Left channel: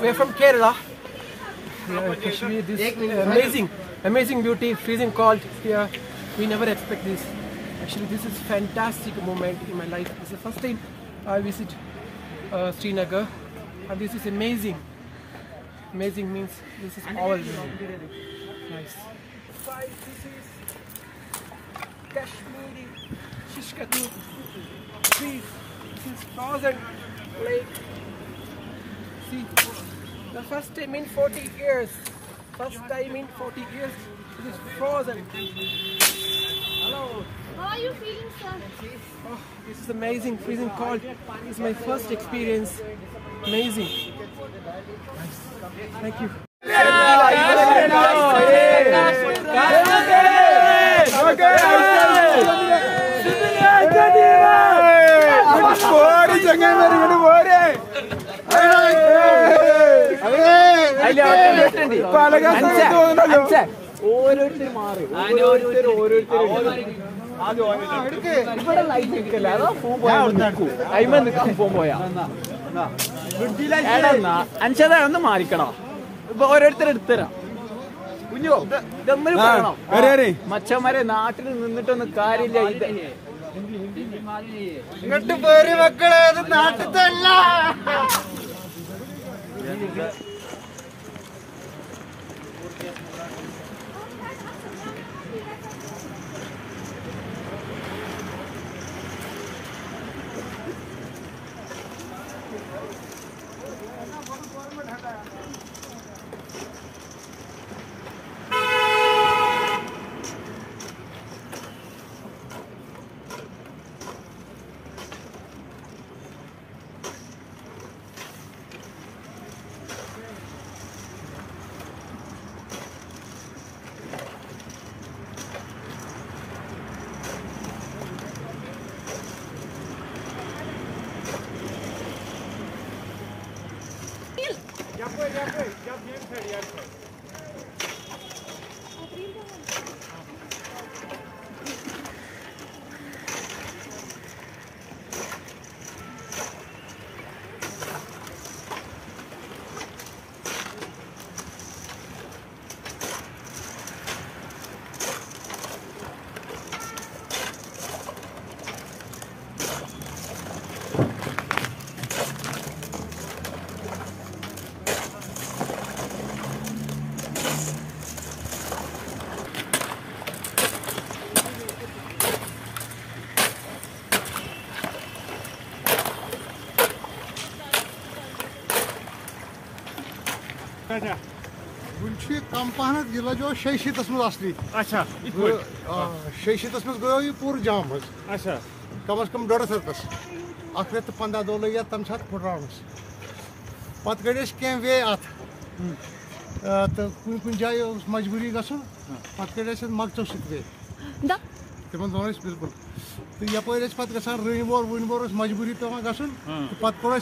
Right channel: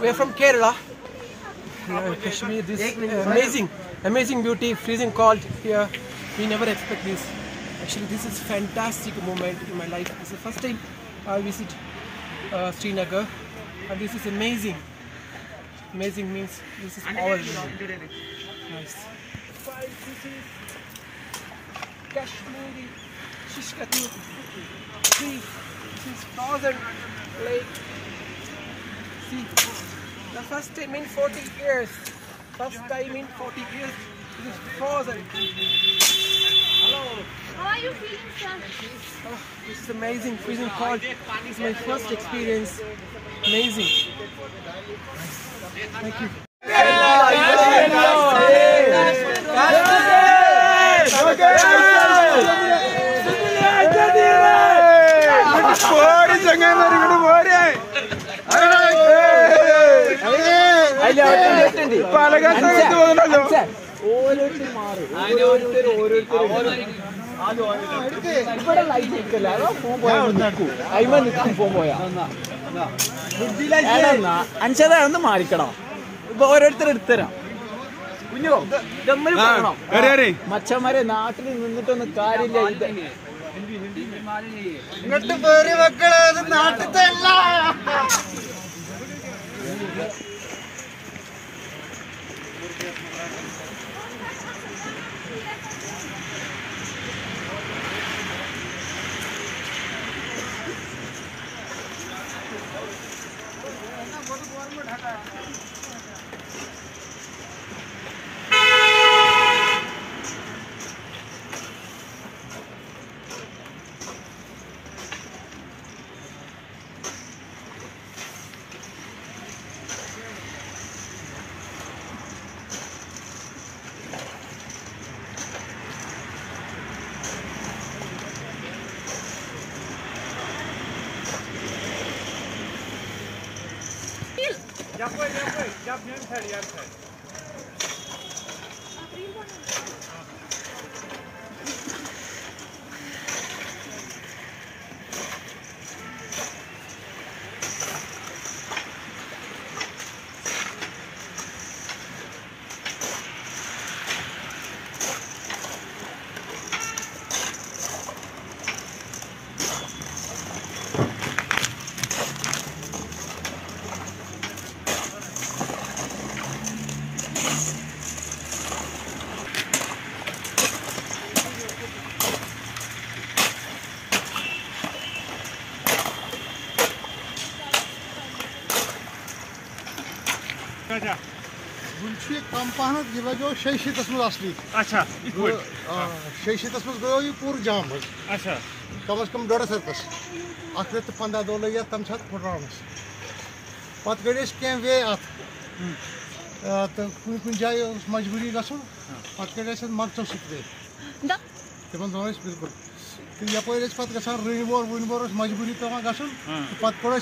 We are from Kerala. Kashmir, this amazing beauty, freezing cold here. We never expect this. Actually, this is fantastic moment in my life. This is the first time I visit Srinagar, and this is amazing. Amazing means this is all nice. This is Kashmiri Shishkatu. See, this is frozen lake. See, the first time in 40 years. First time in 40 years, it is frozen. Hello. How are you feeling, sir? Oh, this is amazing, freezing cold. This is my first experience. Amazing. Thank you. ഒന്ന് മാറിക്കണോ ഇപ്പൊ ഓരോരുത്തരെടുത്തരാം കുഞ്ഞോ മച്ചന്മാരെ നാട്ടിൽ നിന്നിട്ടൊന്നും കാര്യമില്ല. ഇത് ഇങ്ങോട്ട് പേര് മക്കളോ, അത് നാട്ടിലത്തെ അല്ല. गुलशी कम पहन जो 600 में असली। अच्छा 600 में गो यह पूर जाम अच्छा कम से कम 1.5 रतस अत 15 दो लगे तम सात फुटरानस पत गए कह वे अत तो कुन जाए मजबूरी गो पत गए मकसद सत्वे तम दोन बिल्कुल तो यप पे ग रनबोर वनबोर मजबूरी पे गन तो पे कोड़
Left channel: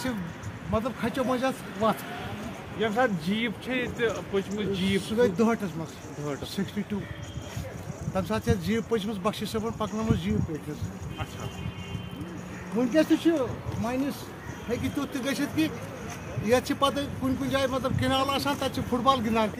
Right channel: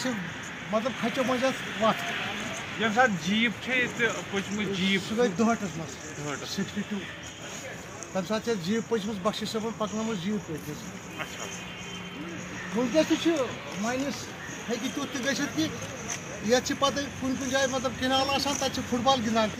मतलब खचो मज वत जीप जीप सह गई दुहटस मज 62 तम सात जीप पचम बख्शी सबन पकन जीप वनकस मानस हे तुथ कि ये पे कुन जाए मतलब किनाल तक फुटबॉल गिंदान।